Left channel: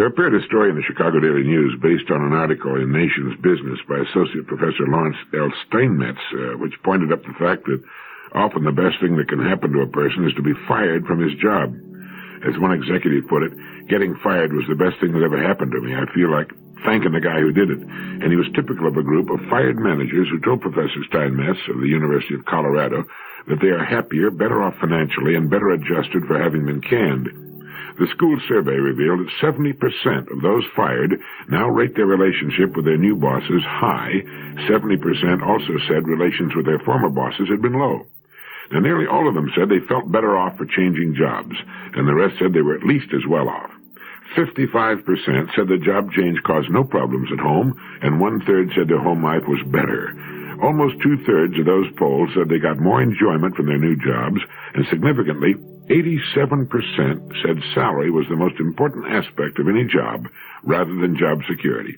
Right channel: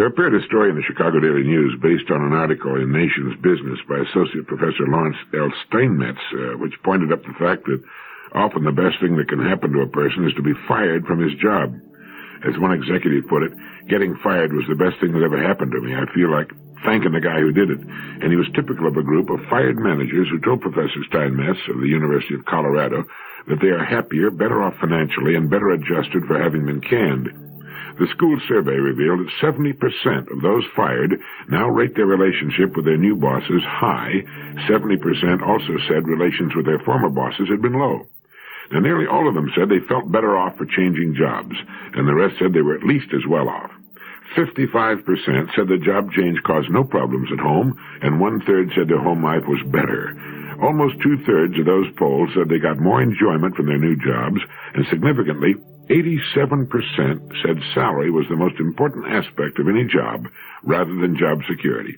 There appeared a story in the Chicago Daily News based on an article in Nation's Business by Associate Professor Lawrence L. Steinmetz, which pointed up the fact that often the best thing that can happen to a person is to be fired from his job. As one executive put it, getting fired was the best thing that ever happened to me. I feel like thanking the guy who did it. And he was typical of a group of fired managers who told Professor Steinmetz of the University of Colorado that they are happier, better off financially, and better adjusted for having been canned. The school survey revealed that 70% of those fired now rate their relationship with their new bosses high. 70% also said relations with their former bosses had been low. Now, nearly all of them said they felt better off for changing jobs, and the rest said they were at least as well off. 55% said the job change caused no problems at home, and one-third said their home life was better. Almost two-thirds of those polled said they got more enjoyment from their new jobs, and significantly, 87% said salary was the most important aspect of any job, rather than job security.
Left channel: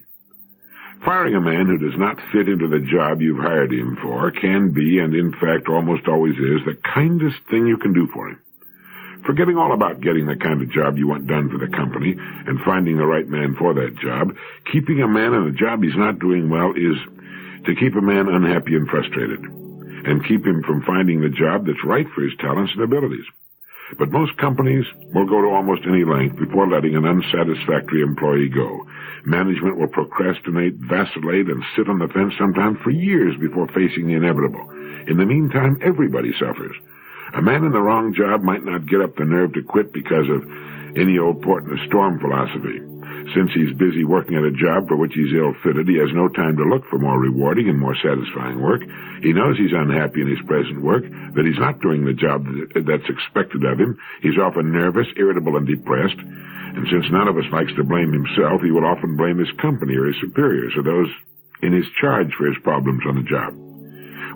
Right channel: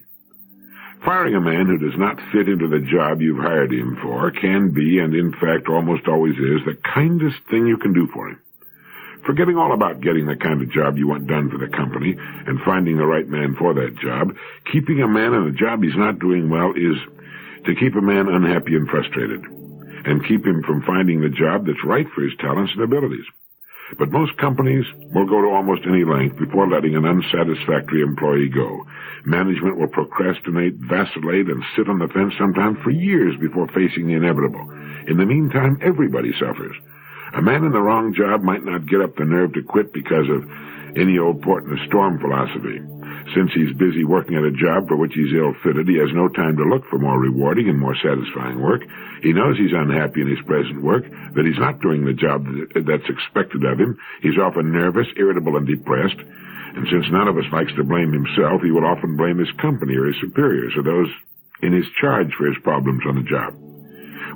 Firing a man who does not fit into the job you've hired him for can be, and in fact almost always is, the kindest thing you can do for him. Forgetting all about getting the kind of job you want done for the company and finding the right man for that job, keeping a man in a job he's not doing well is to keep a man unhappy and frustrated, and keep him from finding the job that's right for his talents and abilities. But most companies will go to almost any length before letting an unsatisfactory employee go. Management will procrastinate, vacillate, and sit on the fence sometimes for years before facing the inevitable. In the meantime, everybody suffers. A man in the wrong job might not get up the nerve to quit because of any old port in a storm philosophy. Since he's busy working at a job for which he's ill-fitted, he has no time to look for more rewarding and more satisfying work. He knows he's unhappy in his present work, that he's not doing the job that's expected of him. He's often nervous, irritable, and depressed. And since none of us likes to blame himself, he will often blame his company or his superiors or those in his charge for his problems on the job.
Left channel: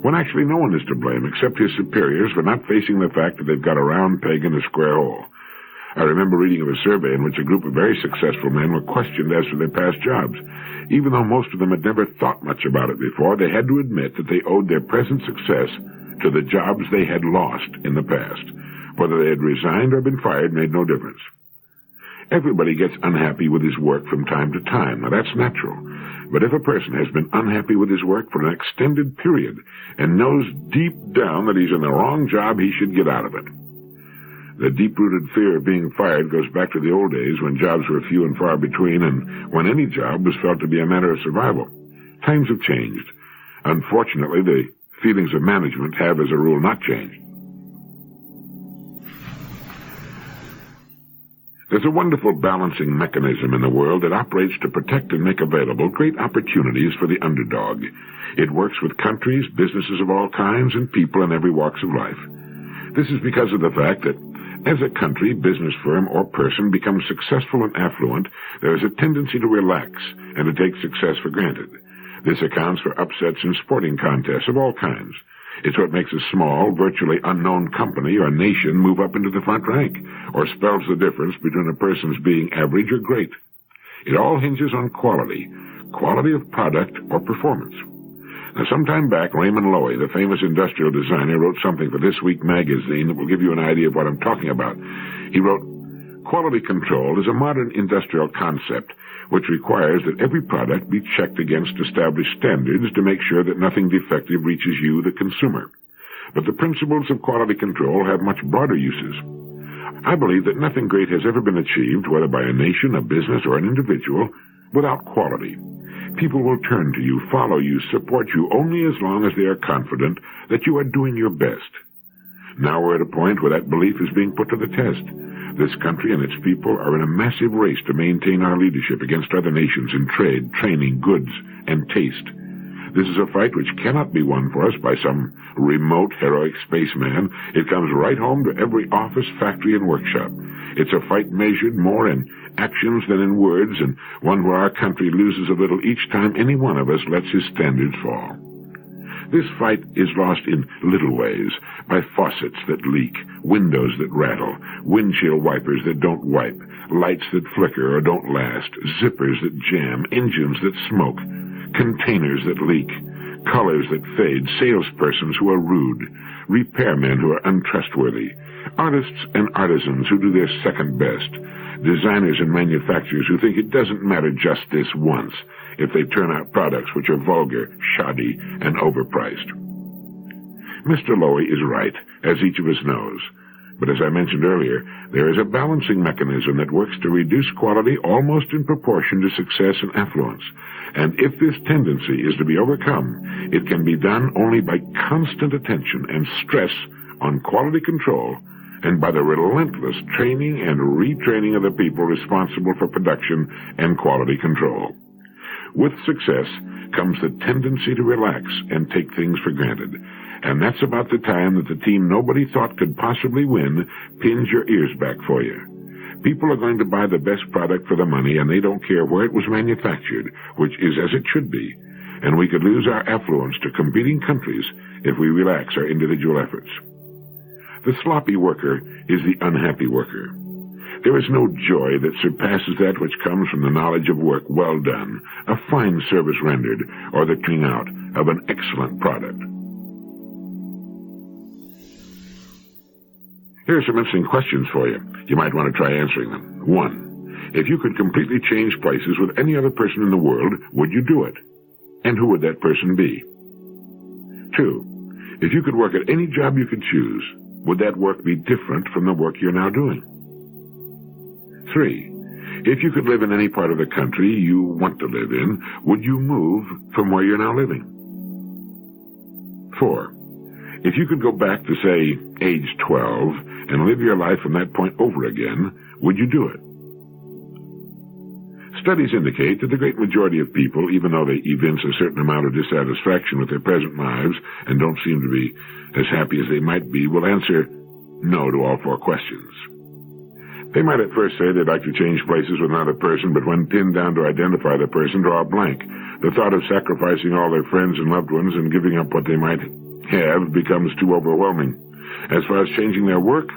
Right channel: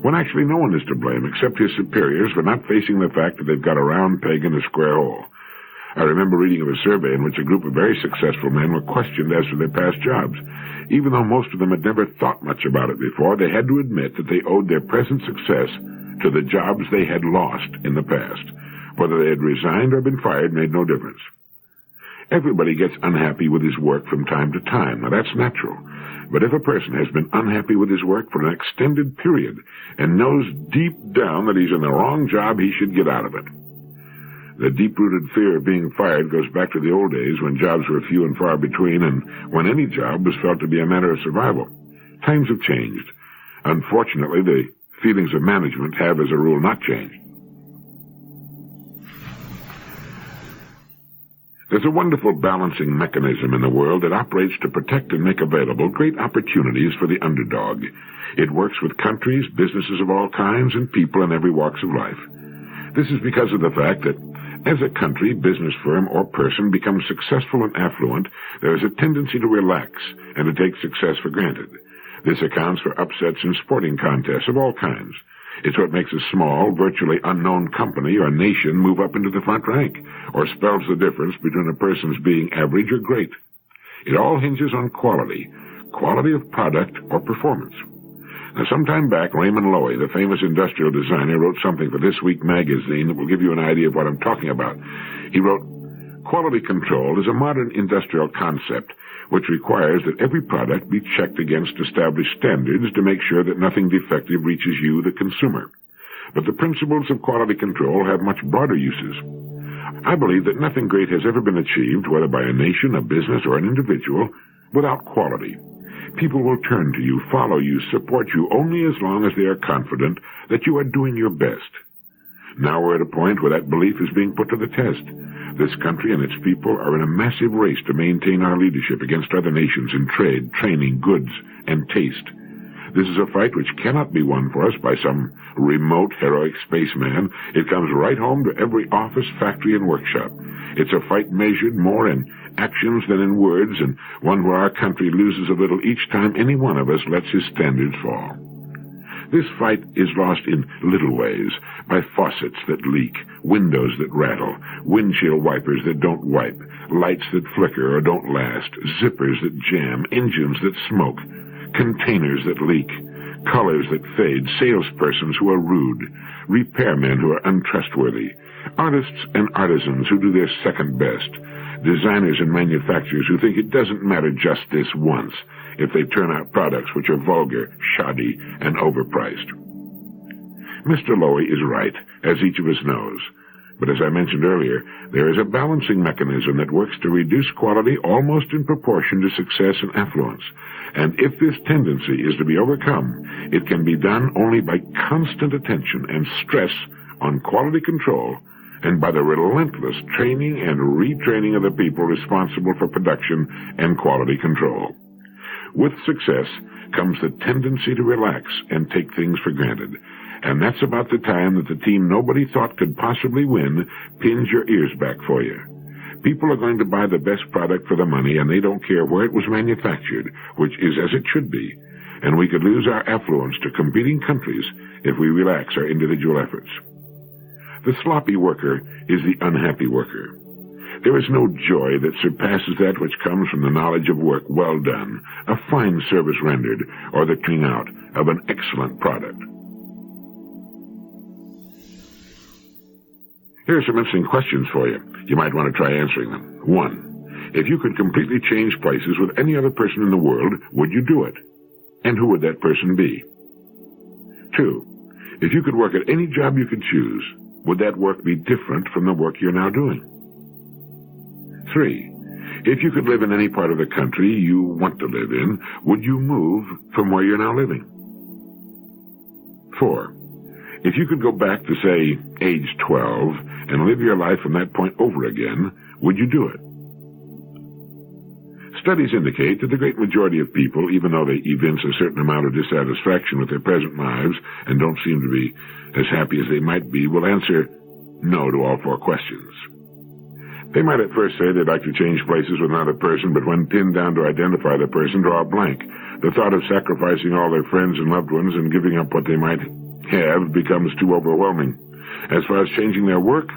When actually no one is to blame except his superiors for not facing the fact that they've got a round peg in a square hole. I remember reading of a survey in which a group of very successful men were questioned as to their past jobs. Even though most of them had never thought much about it before, they had to admit that they owed their present success to the jobs they had lost in the past. Whether they had resigned or been fired made no difference. Everybody gets unhappy with his work from time to time. Now, that's natural. But if a person has been unhappy with his work for an extended period and knows deep down that he's in the wrong job, he should get out of it. The deep-rooted fear of being fired goes back to the old days when jobs were few and far between and when any job was felt to be a matter of survival. Times have changed. Unfortunately, the feelings of management have, as a rule, not changed. There's a wonderful balancing mechanism in the world that operates to protect and make available great opportunities for the underdog. It works with countries, businesses of all kinds, and people in every walks of life. This is because of the fact that as a country, business firm, or person becomes successful and affluent, there is a tendency to relax and to take success for granted. This accounts for upsets in sporting contests of all kinds. It's what makes a small, virtually unknown company or nation move up into the front rank, or spells the difference between a person's being average or great. It all hinges on quality of product or performance. Now, some time back, Raymond Loewy, the famous industrial designer, wrote something for This Week magazine that will give you an idea of what I'm talking about. He wrote, "Quality control is a modern industrial concept which requires that every product be checked against established standards to make sure that nothing defective reaches you, the consumer. But the principles of quality control have much broader uses. I believe that nothing great has ever been achieved, whether by a nation, a business, or an individual, without quality. People will turn to you, follow you, support you only as long as they are confident that you are doing your best. Now we're at a point where that belief is being put to the test. This country and its people are in a massive race to maintain our leadership against other nations in trade, training, goods, and taste. This is a fight which cannot be won for us by some remote, heroic spaceman. It comes right home to every office, factory, and workshop. It's a fight measured more in actions than in words, and one where our country loses a little each time any one of us lets his standards fall. This fight is lost in little ways, by faucets that leak, windows that rattle, windshield wipers that don't wipe, lights that flicker or don't last, zippers that jam, engines that smoke, containers that leak, colors that fade, salespersons who are rude, repairmen who are untrustworthy, artists and artisans who do their second best, designers and manufacturers who think it doesn't matter just this once if they turn out products which are vulgar, shoddy, and overpriced. Mr. Lowy is right, as each of us knows. But as I mentioned earlier, there is a balancing mechanism that works to reduce quality almost in proportion to success and affluence. And if this tendency is to be overcome, it can be done only by constant attention and stress on quality control and by the relentless training and retraining of the people responsible for production and quality control. With success comes the tendency to relax and take things for granted. And that's about the time that the team nobody thought could possibly win pins your ears back for you. People are going to buy the best product for the money, and they don't care where it was manufactured, which is as it should be. And we could lose our affluence to competing countries if we relax our individual efforts. The sloppy worker is the unhappy worker. There is no joy that surpasses that which comes from the knowledge of work well done, a fine service rendered, or the turning out of an excellent product. Here are some interesting questions for you. You might want to try answering them. 1. If you could completely change places with any other person in the world, would you do it? And who would that person be? 2. If you could work at any job you could choose, would that work be different from the work you're now doing? 3. If you could live in any part of the country you want to live in, would you move from where you're now living? 4. If you could go back to, say, age 12 and live your life from that point over again, would you do it? Studies indicate that the great majority of people, even though they evince a certain amount of dissatisfaction with their present lives and don't seem to be as happy as they might be, will answer no to all 4 questions. They might at first say they'd like to change places with another person, but when pinned down to identify the person, draw a blank. The thought of sacrificing all their friends and loved ones and giving up what they might have becomes too overwhelming. As far as changing their work,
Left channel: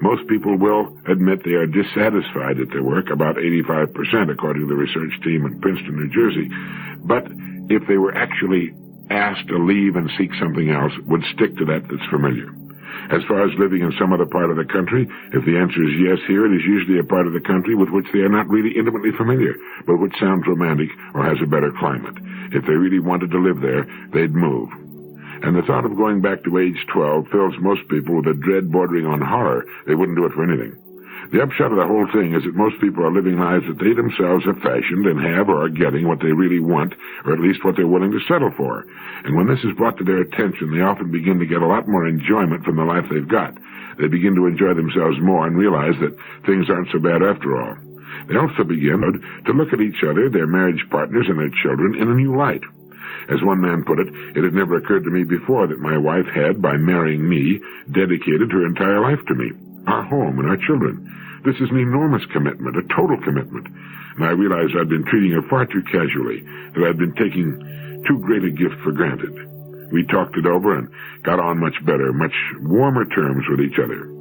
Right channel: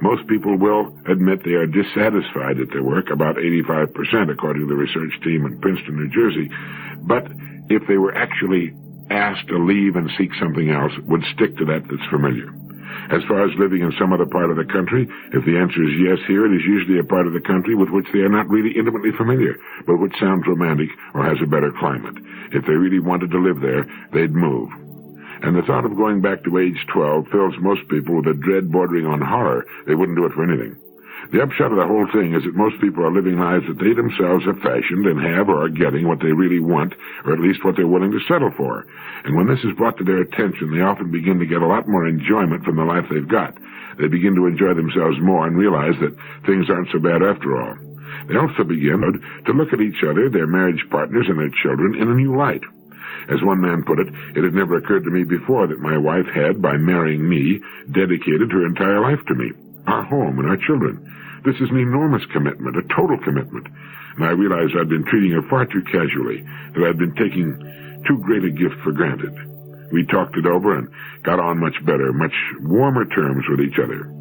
most people will admit they are dissatisfied at their work, about 85% according to the research team in Princeton, New Jersey. But if they were actually asked to leave and seek something else, would stick to that that's familiar. As far as living in some other part of the country, if the answer is yes here, it is usually a part of the country with which they are not really intimately familiar, but which sounds romantic or has a better climate. If they really wanted to live there, they'd move. And the thought of going back to age 12 fills most people with a dread bordering on horror. They wouldn't do it for anything. The upshot of the whole thing is that most people are living lives that they themselves have fashioned and have or are getting what they really want, or at least what they're willing to settle for. And when this is brought to their attention, they often begin to get a lot more enjoyment from the life they've got. They begin to enjoy themselves more and realize that things aren't so bad after all. They also begin to look at each other, their marriage partners, and their children in a new light. As one man put it, it had never occurred to me before that my wife had, by marrying me, dedicated her entire life to me, our home, and our children. This is an enormous commitment, a total commitment, and I realized I'd been treating her far too casually, that I'd been taking too great a gift for granted. We talked it over and got on much better, much warmer terms with each other.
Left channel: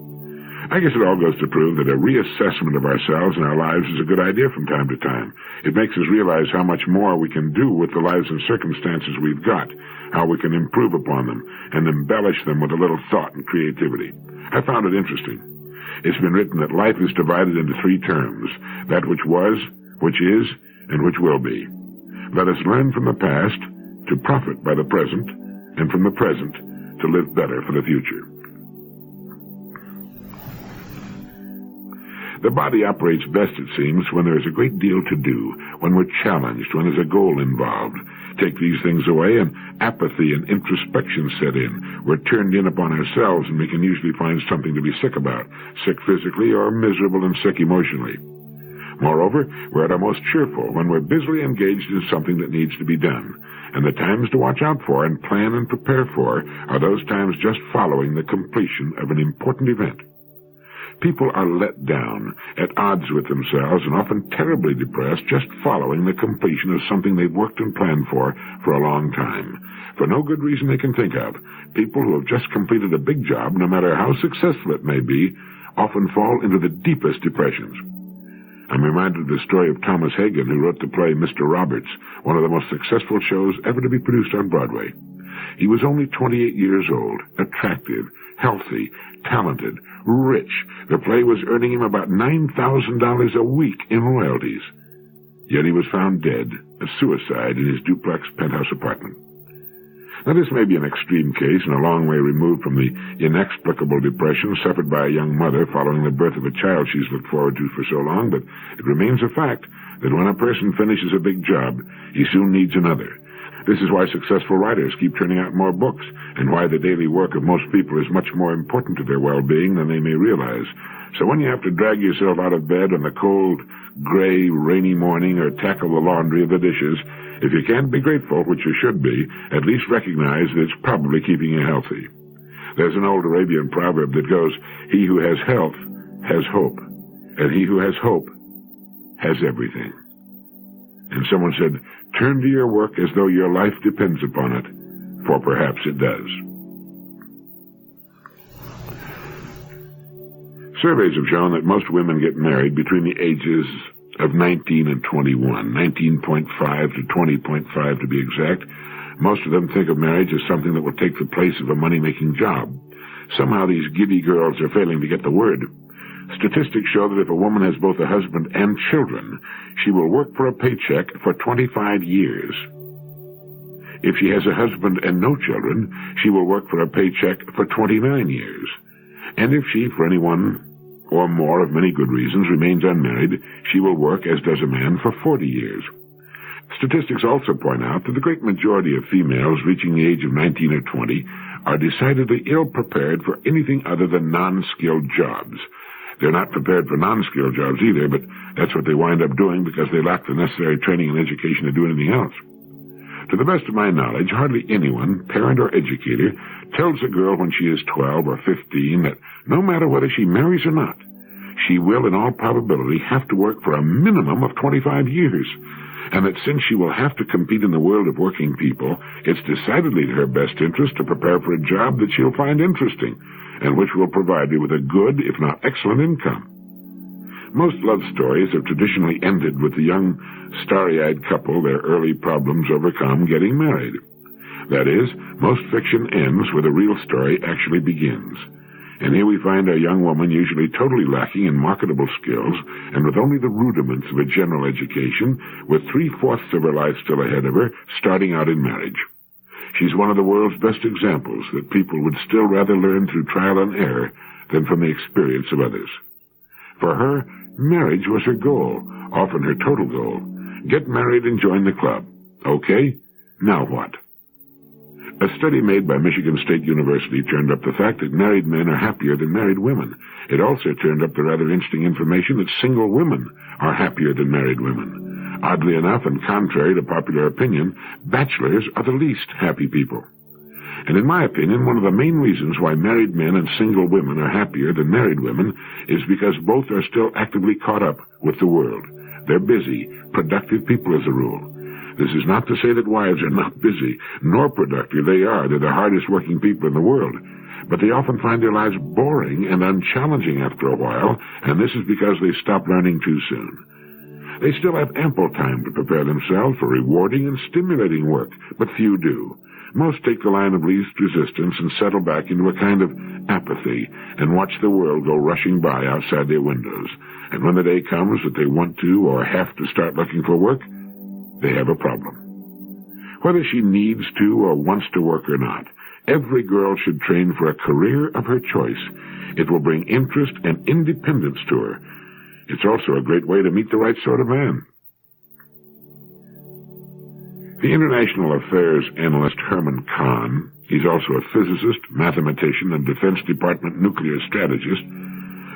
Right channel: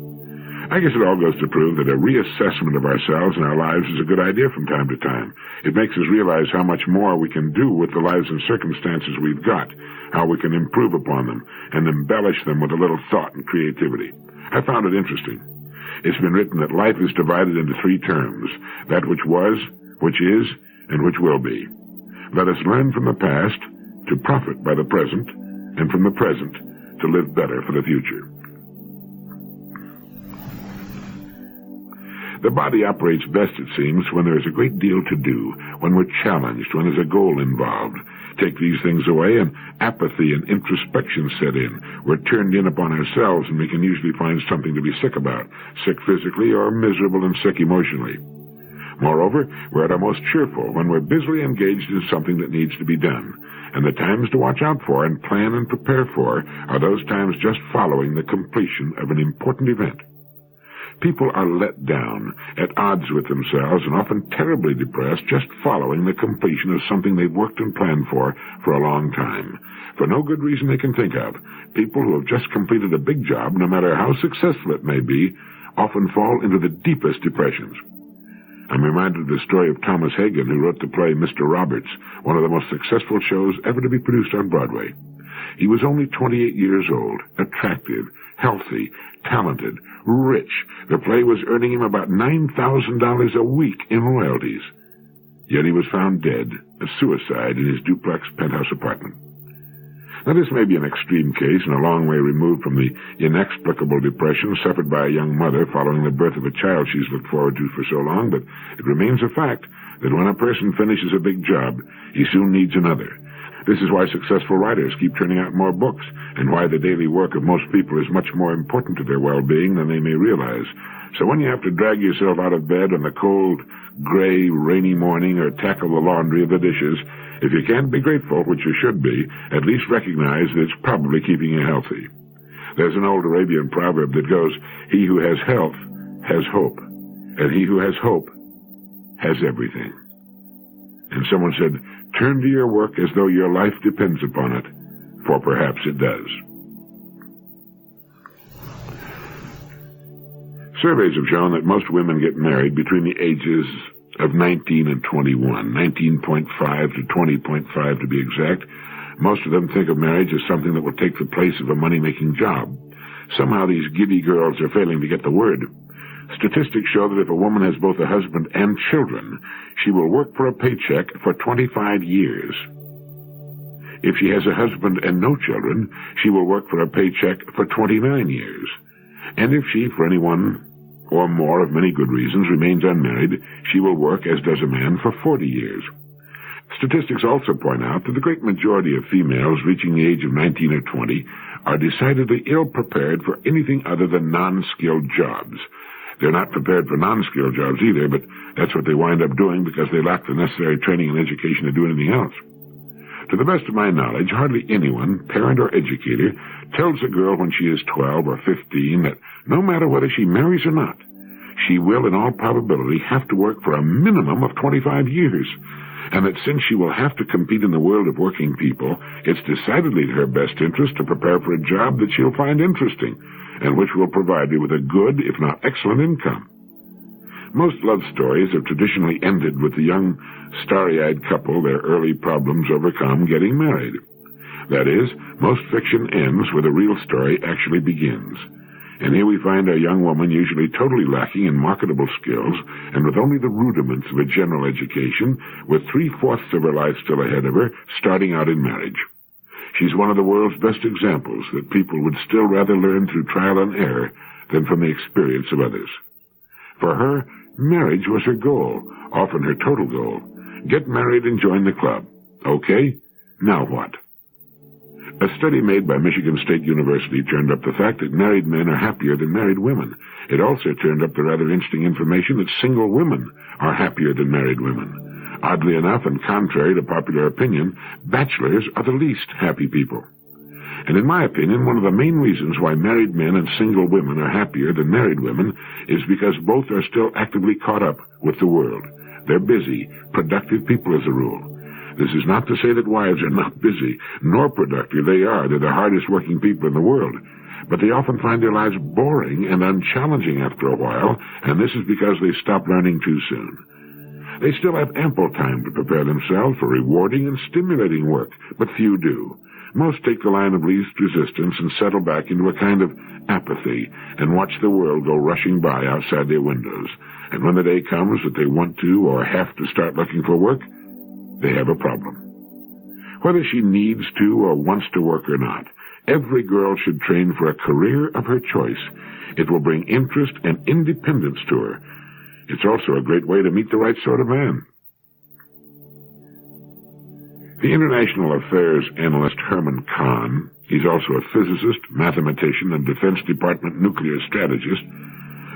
I guess it all goes to prove that a reassessment of ourselves and our lives is a good idea from time to time. It makes us realize how much more we can do with the lives and circumstances we've got, how we can improve upon them and embellish them with a little thought and creativity. I found it interesting. It's been written that life is divided into 3 terms, that which was, which is, and which will be. Let us learn from the past to profit by the present, and from the present to live better for the future. The body operates best, it seems, when there is a great deal to do, when we're challenged, when there's a goal involved. Take these things away, and apathy and introspection set in. We're turned in upon ourselves, and we can usually find something to be sick about, sick physically or miserable and sick emotionally. Moreover, we're at our most cheerful when we're busily engaged in something that needs to be done. And the times to watch out for and plan and prepare for are those times just following the completion of an important event. People are let down, at odds with themselves, and often terribly depressed just following the completion of something they've worked and planned for a long time. For no good reason they can think of, people who have just completed a big job, no matter how successful it may be, often fall into the deepest depressions. I'm reminded of the story of Thomas Hagen, who wrote the play Mr. Roberts, one of the most successful shows ever to be produced on Broadway. He was only 28 years old, attractive, healthy, talented, rich. The play was earning him about $9,000 a week in royalties. Yet he was found dead, a suicide, in his duplex penthouse apartment. Now, this may be an extreme case and a long way removed from the inexplicable depression suffered by a young mother following the birth of a child she's looked forward to for so long, but it remains a fact that when a person finishes a big job, he soon needs another. This is why successful writers keep turning out more books, and why the daily work of most people is much more important to their well-being than they may realize. So when you have to drag yourself out of bed on the cold, gray, rainy morning or tackle the laundry or the dishes, if you can't be grateful, which you should be, at least recognize that it's probably keeping you healthy. There's an old Arabian proverb that goes, "He who has health has hope, and he who has hope has everything." And someone said, "Turn to your work as though your life depends upon it, for perhaps it does." Surveys have shown that most women get married between the ages of 19 and 21, 19.5 to 20.5 to be exact. Most of them think of marriage as something that will take the place of a money-making job. Somehow these giddy girls are failing to get the word. Statistics show that if a woman has both a husband and children, she will work for a paycheck for 25 years. If she has a husband and no children, she will work for a paycheck for 29 years. And if she, for any one or more of many good reasons, remains unmarried, she will work, as does a man, for 40 years. Statistics also point out that the great majority of females reaching the age of 19 or 20 are decidedly ill-prepared for anything other than non-skilled jobs. They're not prepared for non-skilled jobs either, but that's what they wind up doing because they lack the necessary training and education to do anything else. To the best of my knowledge, hardly anyone, parent or educator, tells a girl when she is 12 or 15 that no matter whether she marries or not, she will in all probability have to work for a minimum of 25 years, and that since she will have to compete in the world of working people, it's decidedly to her best interest to prepare for a job that she'll find interesting, and which will provide her with a good, if not excellent, income. Most love stories have traditionally ended with the young, starry-eyed couple, their early problems overcome, getting married. That is, most fiction ends where the real story actually begins. And here we find a young woman usually totally lacking in marketable skills and with only the rudiments of a general education, with 3/4 of her life still ahead of her, starting out in marriage. She's one of the world's best examples that people would still rather learn through trial and error than from the experience of others. For her, marriage was her goal, often her total goal. Get married and join the club. Okay, now what? A study made by Michigan State University turned up the fact that married men are happier than married women. It also turned up the rather interesting information that single women are happier than married women. Oddly enough, and contrary to popular opinion, bachelors are the least happy people. And in my opinion, one of the main reasons why married men and single women are happier than married women is because both are still actively caught up with the world. They're busy, productive people as a rule. This is not to say that wives are not busy, nor productive. They are. They're the hardest working people in the world. But they often find their lives boring and unchallenging after a while, and this is because they stop learning too soon. They still have ample time to prepare themselves for rewarding and stimulating work, but few do. Most take the line of least resistance and settle back into a kind of apathy and watch the world go rushing by outside their windows. And when the day comes that they want to or have to start looking for work, they have a problem. Whether she needs to or wants to work or not, every girl should train for a career of her choice. It will bring interest and independence to her. It's also a great way to meet the right sort of man. The international affairs analyst Herman Kahn, he's also a physicist, mathematician, and Defense Department nuclear strategist,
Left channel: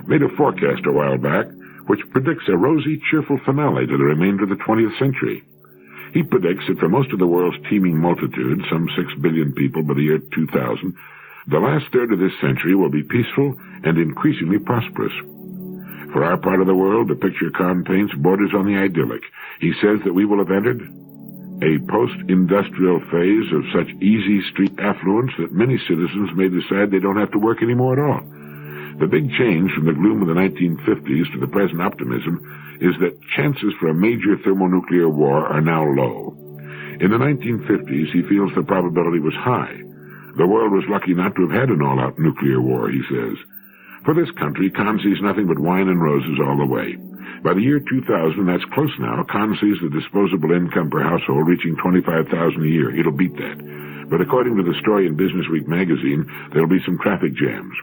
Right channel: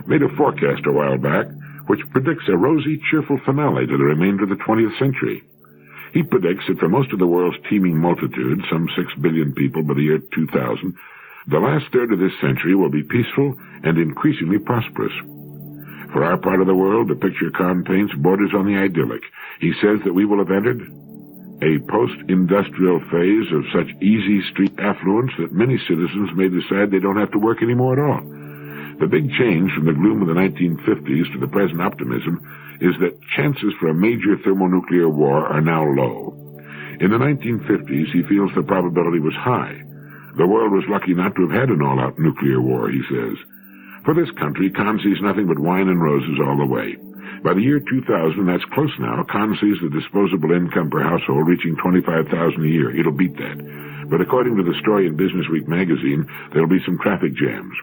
made a forecast a while back which predicts a rosy, cheerful finale to the remainder of the 20th century. He predicts that for most of the world's teeming multitude, some 6 billion people by the year 2000, the last third of this century will be peaceful and increasingly prosperous. For our part of the world, the picture Kahn paints borders on the idyllic. He says that we will have entered a post-industrial phase of such easy street affluence that many citizens may decide they don't have to work anymore at all. The big change from the gloom of the 1950s to the present optimism is that chances for a major thermonuclear war are now low. In the 1950s, he feels the probability was high. The world was lucky not to have had an all-out nuclear war, he says. For this country, Kahn sees nothing but wine and roses all the way. By the year 2000, that's close now, Kahn sees the disposable income per household reaching $25,000 a year. It'll beat that. But according to the story in Businessweek magazine, there'll be some traffic jams.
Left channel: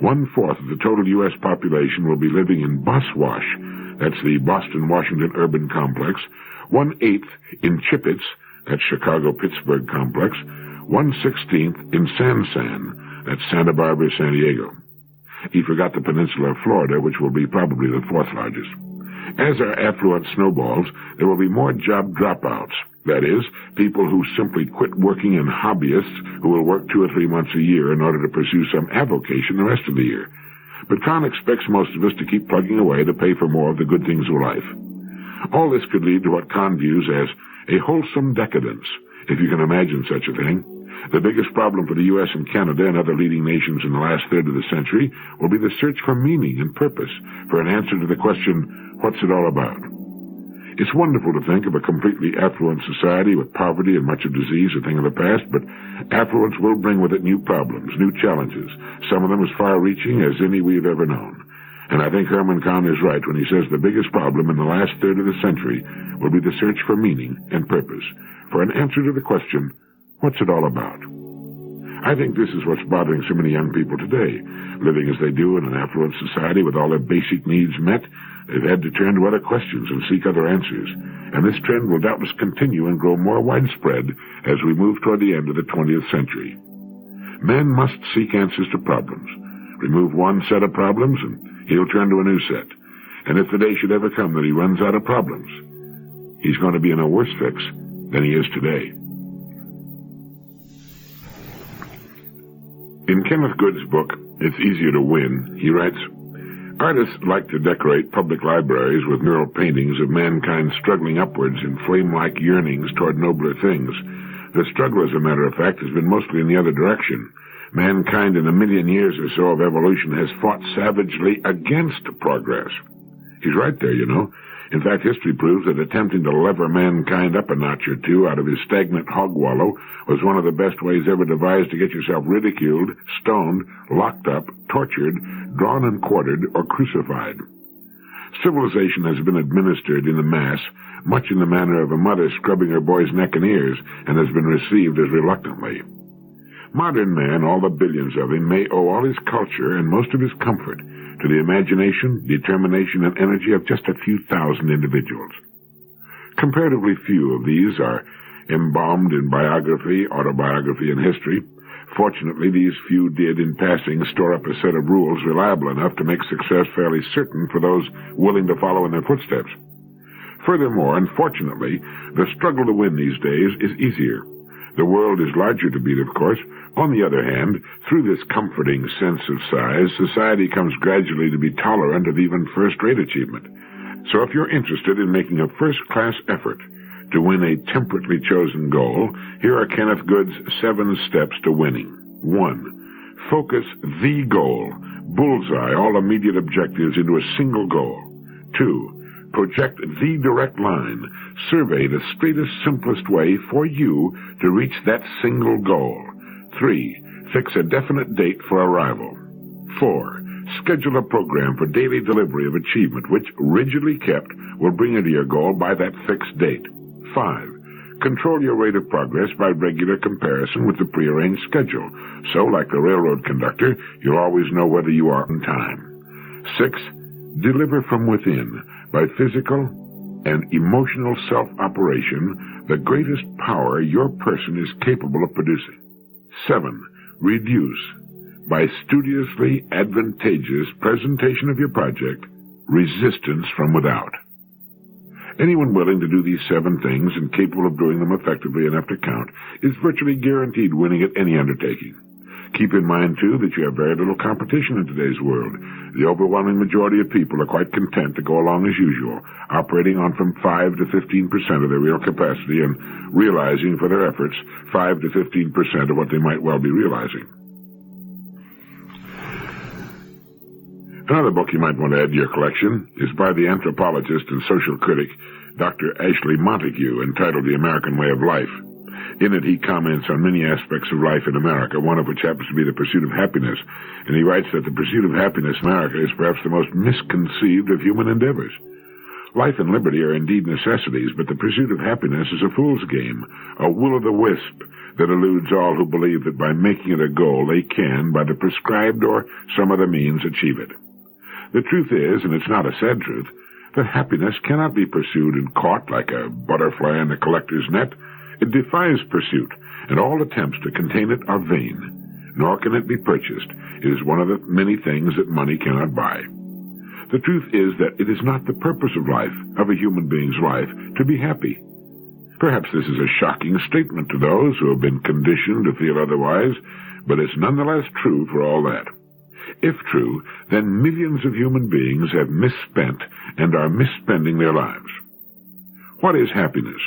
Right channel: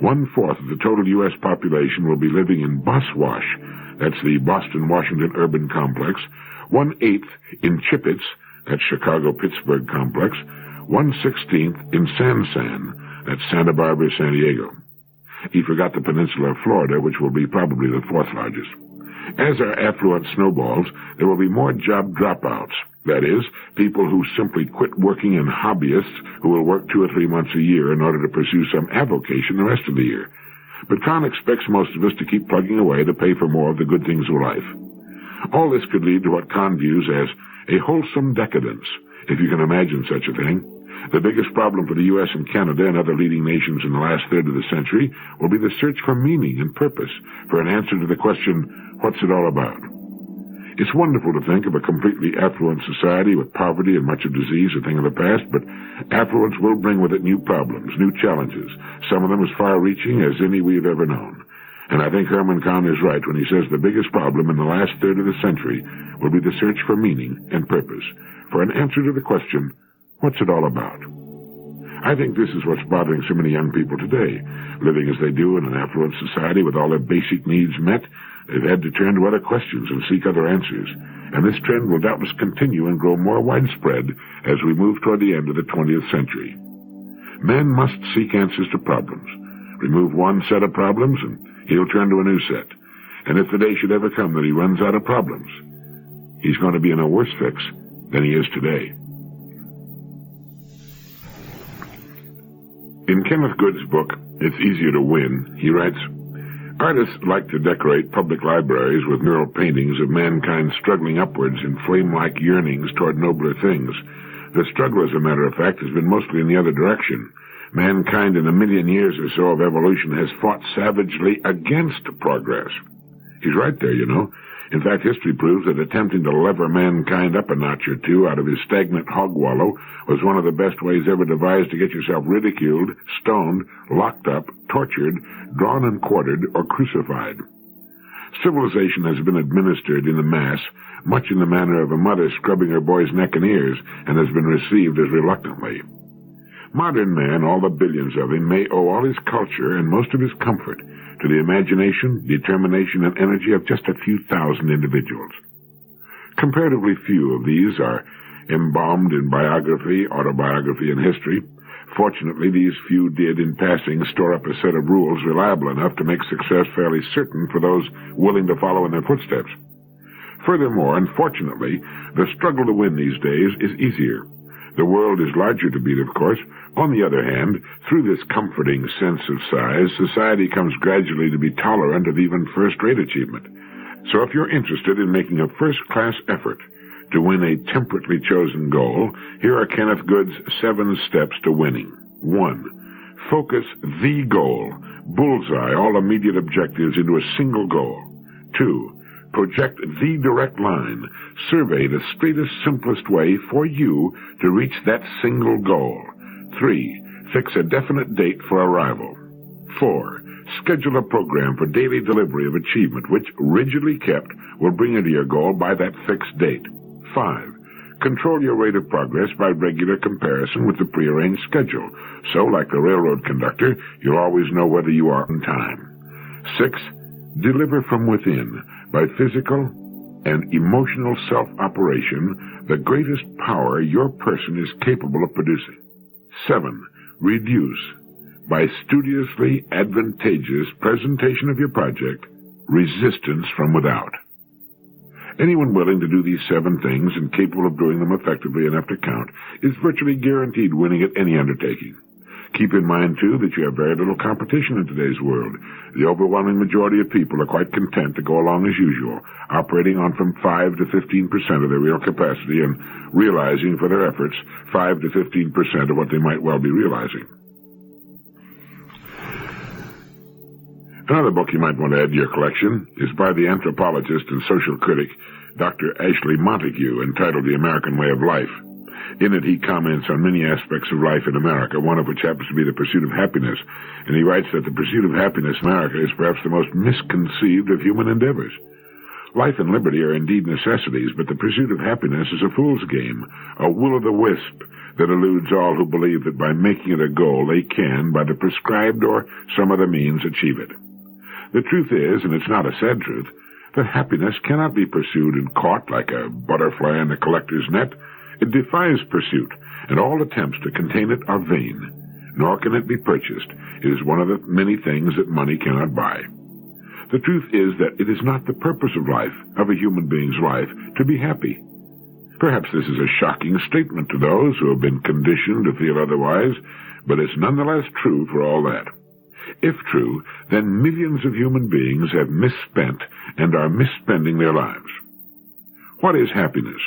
1/4 of the total U.S. population will be living in Boswash. That's the Boston-Washington urban complex. 1/8 in Chippets. That's Chicago-Pittsburgh complex. 1/16 in San. That's Santa Barbara, San Diego. He forgot the peninsula of Florida, which will be probably the 4th largest. As our affluence snowballs, there will be more job dropouts. That is, people who simply quit working and hobbyists who will work 2 or 3 months a year in order to pursue some avocation the rest of the year. But Kahn expects most of us to keep plugging away to pay for more of the good things of life. All this could lead to what Kahn views as a wholesome decadence, if you can imagine such a thing. The biggest problem for the U.S. and Canada and other leading nations in the last third of the century will be the search for meaning and purpose, for an answer to the question, what's it all about? It's wonderful to think of a completely affluent society with poverty and much of disease a thing of the past, but affluence will bring with it new problems, new challenges, some of them as far-reaching as any we've ever known. And I think Herman Kahn is right when he says the biggest problem in the last third of the century will be the search for meaning and purpose, for an answer to the question, what's it all about? I think this is what's bothering so many young people today. Living as they do in an affluent society with all their basic needs met, they've had to turn to other questions and seek other answers. And this trend will doubtless continue and grow more widespread as we move toward the end of the 20th century. Man must seek answers to problems. Remove one set of problems and he'll turn to a new set. And if the day should ever come that he runs out of problems, he's going to be in a worse fix than he is today. In Kenneth Good's book, It's Easier to Win, he writes, artists like to decorate public libraries with mural paintings of mankind struggling upwards in flame-like yearnings toward nobler things. The struggle, as a matter of fact, has been mostly in the other direction. Mankind in 1 million years or so of evolution has fought savagely against progress. He's right there, you know. In fact, history proves that attempting to lever mankind up a notch or two out of his stagnant hog wallow was one of the best ways ever devised to get yourself ridiculed, stoned, locked up, tortured, drawn and quartered, or crucified. Civilization has been administered in the mass, much in the manner of a mother scrubbing her boy's neck and ears, and has been received as reluctantly. Modern man, all the billions of him, may owe all his culture and most of his comfort to the imagination, determination, and energy of just a few thousand individuals. Comparatively few of these are embalmed in biography, autobiography, and history. Fortunately, these few did, in passing, store up a set of rules reliable enough to make success fairly certain for those willing to follow in their footsteps. Furthermore, unfortunately, the struggle to win these days is easier. The world is larger to beat, of course. On the other hand, through this comforting sense of size, society comes gradually to be tolerant of even first-rate achievement. So if you're interested in making a first-class effort to win a temperately chosen goal, here are Kenneth Good's 7 steps to winning. 1. Focus the goal. Bullseye all immediate objectives into a single goal. 2. Project the direct line. Survey the straightest, simplest way for you to reach that single goal. 3. Fix a definite date for arrival. 4. Schedule a program for daily delivery of achievement which, rigidly kept, will bring you to your goal by that fixed date. 5. Control your rate of progress by regular comparison with the prearranged schedule. So, like a railroad conductor, you'll always know whether you are on time. 6. Deliver from within, by physical and emotional self-operation, the greatest power your person is capable of producing. 7. Reduce, by studiously advantageous presentation of your project, resistance from without. Anyone willing to do these 7 things and capable of doing them effectively enough to count is virtually guaranteed winning at any undertaking. Keep in mind, too, that you have very little competition in today's world. The overwhelming majority of people are quite content to go along as usual, operating on from 5 to 15% of their real capacity and realizing for their efforts 5 to 15% of what they might well be realizing. Another book you might want to add to your collection is by the anthropologist and social critic Dr. Ashley Montague, entitled The American Way of Life. In it, he comments on many aspects of life in America, one of which happens to be the pursuit of happiness, and he writes that the pursuit of happiness in America is perhaps the most misconceived of human endeavors. Life and liberty are indeed necessities, but the pursuit of happiness is a fool's game, a will-o'-the-wisp that eludes all who believe that by making it a goal they can, by the prescribed or some other means, achieve it. The truth is, and it's not a sad truth, that happiness cannot be pursued and caught like a butterfly in a collector's net. It defies pursuit, and all attempts to contain it are vain, nor can it be purchased. It is one of the many things that money cannot buy. The truth is that it is not the purpose of life, of a human being's life, to be happy. Perhaps this is a shocking statement to those who have been conditioned to feel otherwise, but it's nonetheless true for all that. If true, then millions of human beings have misspent and are misspending their lives. What is happiness?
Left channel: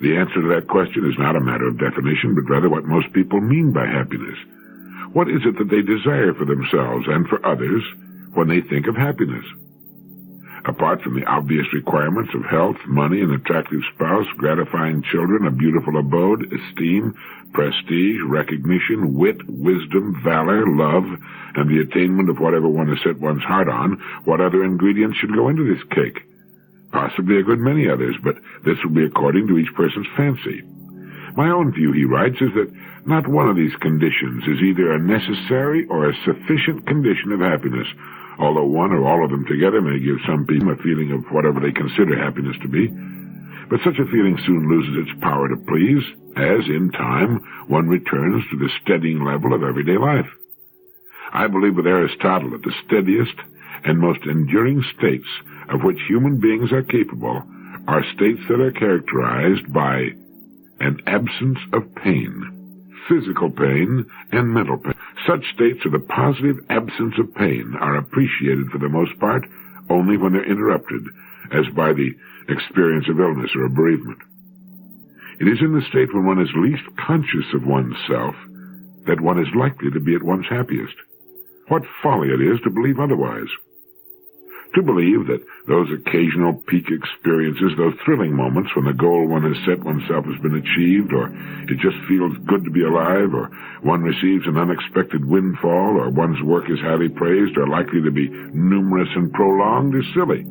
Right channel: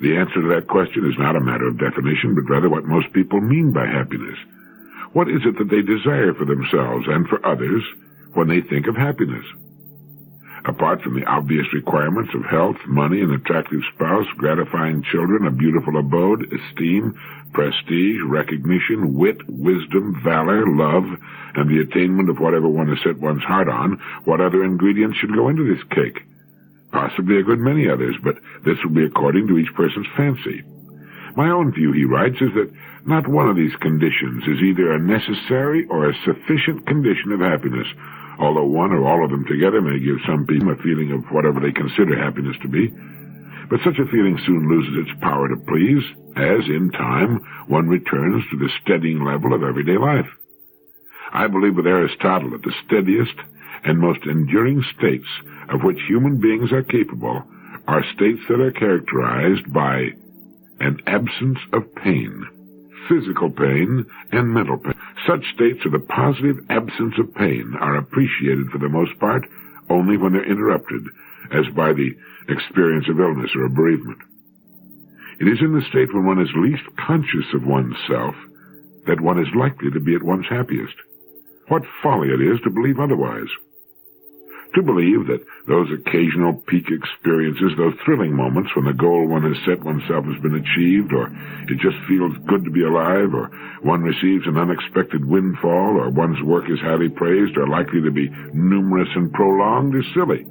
The answer to that question is not a matter of definition, but rather what most people mean by happiness. What is it that they desire for themselves and for others when they think of happiness? Apart from the obvious requirements of health, money, an attractive spouse, gratifying children, a beautiful abode, esteem, prestige, recognition, wit, wisdom, valor, love, and the attainment of whatever one has set one's heart on, what other ingredients should go into this cake? Possibly a good many others, but this will be according to each person's fancy. My own view, he writes, is that not one of these conditions is either a necessary or a sufficient condition of happiness, although one or all of them together may give some people a feeling of whatever they consider happiness to be. But such a feeling soon loses its power to please, as, in time, one returns to the steadying level of everyday life. I believe with Aristotle that the steadiest and most enduring states of which human beings are capable are states that are characterized by an absence of pain, physical pain and mental pain. Such states of the positive absence of pain are appreciated for the most part only when they're interrupted, as by the experience of illness or a bereavement. It is in the state when one is least conscious of oneself that one is likely to be at one's happiest. What folly it is to believe otherwise. To believe that those occasional peak experiences, those thrilling moments when the goal one has set oneself has been achieved, or it just feels good to be alive, or one receives an unexpected windfall, or one's work is highly praised, are likely to be numerous and prolonged, is silly.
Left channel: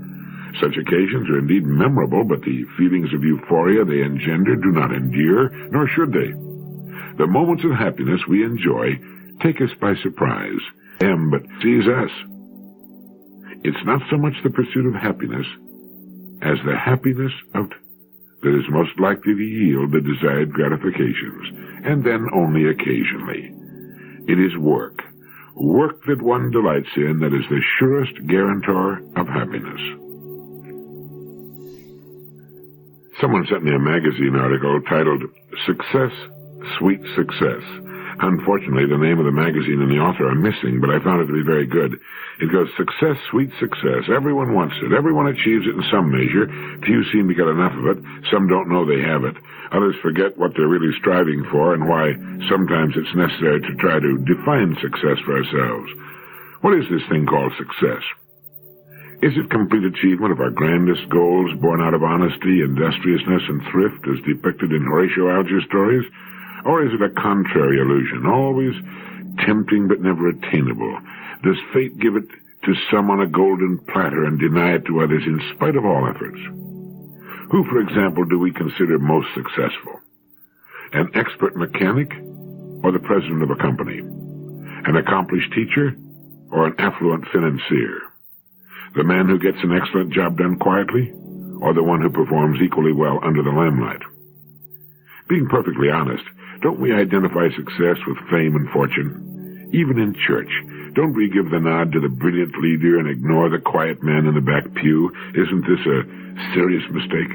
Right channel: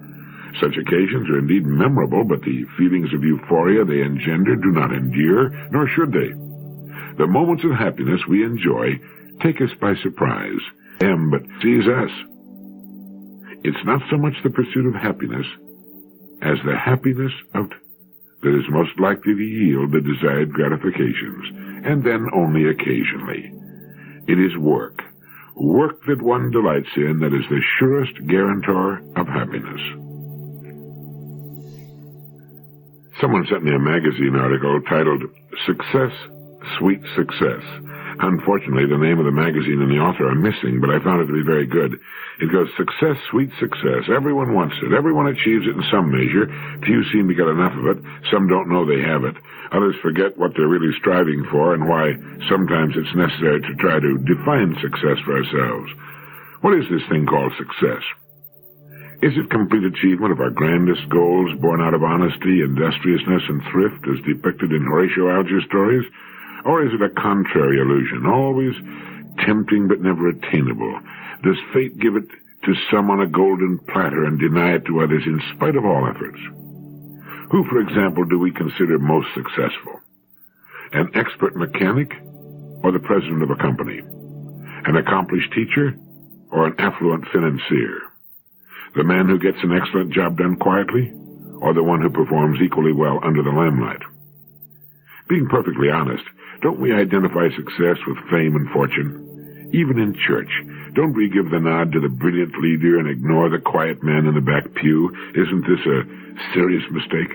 Such occasions are indeed memorable, but the feelings of euphoria they engender do not endure, nor should they. The moments of happiness we enjoy take us by surprise, but seize us. It's not so much the pursuit of happiness as the happiness that is most likely to yield the desired gratifications, and then only occasionally. It is work that one delights in, that is the surest guarantor of happiness. Someone sent me a magazine article titled Success, Sweet Success. Unfortunately, the name of the magazine and the author are missing, but I found it to be very good. It goes, success, sweet success. Everyone wants it. Everyone achieves it in some measure. Few seem to get enough of it. Some don't know they have it. Others forget what they're really striving for and why sometimes it's necessary to try to define success for ourselves. What is this thing called success? Is it complete achievement of our grandest goals born out of honesty, industriousness, and thrift as depicted in Horatio Alger's stories? Or is it a contrary illusion, always tempting but never attainable? Does fate give it to some on a golden platter and deny it to others in spite of all efforts? Who, for example, do we consider most successful? An expert mechanic or the president of a company? An accomplished teacher or an affluent financier? The man who gets an excellent job done quietly or the one who performs equally well under the limelight? Being perfectly honest, don't we identify success with fame and fortune? Even in church, don't we give the nod to the brilliant leader and ignore the quiet man in the back pew? Isn't this a serious mistake?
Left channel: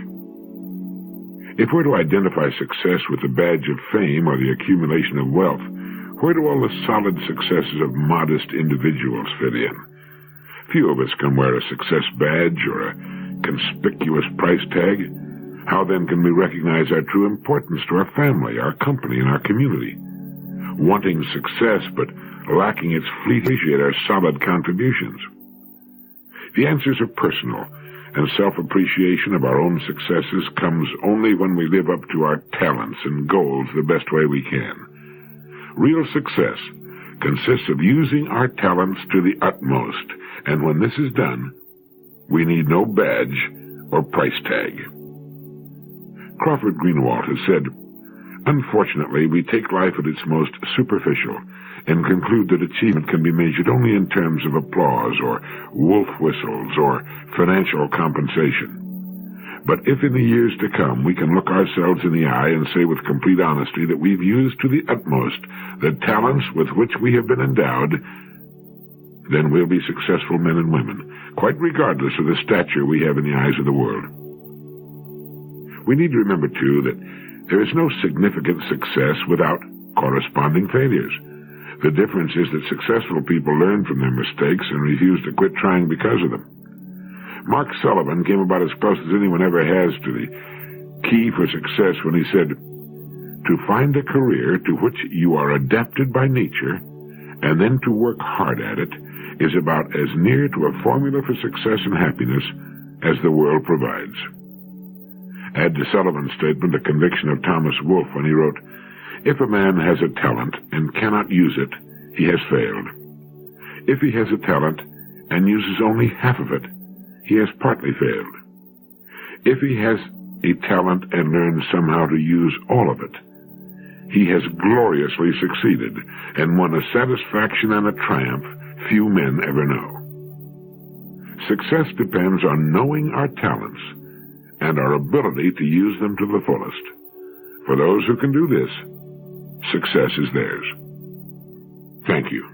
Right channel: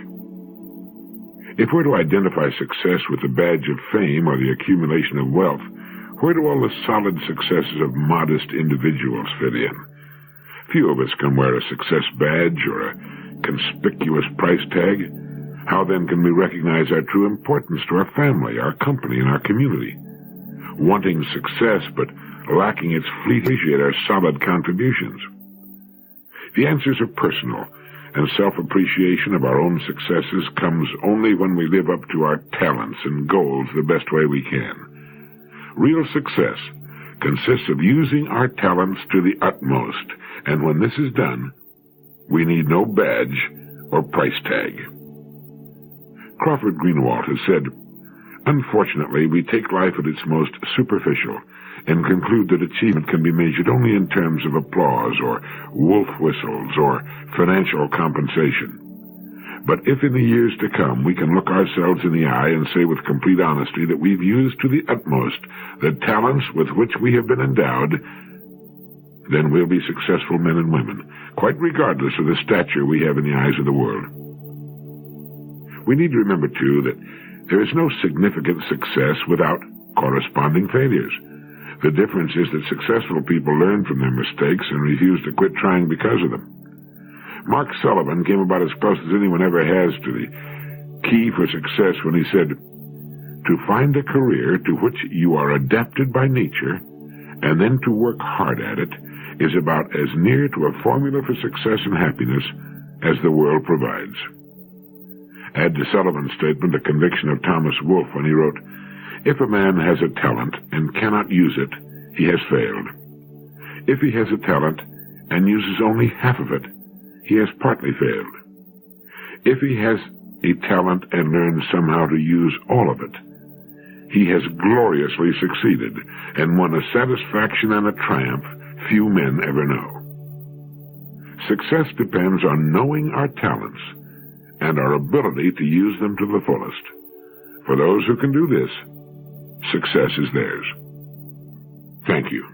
If we're to identify success with the badge of fame or the accumulation of wealth, where do all the solid successes of modest individuals fit in? Few of us can wear a success badge or a conspicuous price tag. How then can we recognize our true importance to our family, our company, and our community? Wanting success, but lacking its fleet appreciate our solid contributions? The answers are personal, and self-appreciation of our own successes comes only when we live up to our talents and goals the best way we can. Real success consists of using our talents to the utmost, and when this is done, we need no badge or price tag. Crawford Greenwald has said, "Unfortunately, we take life at its most superficial and conclude that achievement can be measured only in terms of applause or wolf whistles or financial compensation. But if in the years to come we can look ourselves in the eye and say with complete honesty that we've used to the utmost the talents with which we have been endowed, then we'll be successful men and women, quite regardless of the stature we have in the eyes of the world." We need to remember, too, that there is no significant success without corresponding failures. The difference is that successful people learn from their mistakes and refuse to quit trying because of them. Mark Sullivan came about as close as anyone ever has to the key for success when he said, "To find a career to which you are adapted by nature and then to work hard at it is about as near to a formula for success and happiness as the world provides." Add to Sullivan's statement a conviction of Thomas Wolfe when he wrote, "If a man has a talent and cannot use it, he has failed. If he has a talent and uses only half of it, he has partly failed. If he has a talent and learns somehow to use all of it, he has gloriously succeeded and won a satisfaction and a triumph few men ever know." Success depends on knowing our talents and our ability to use them to the fullest. For those who can do this, success is theirs. Thank you.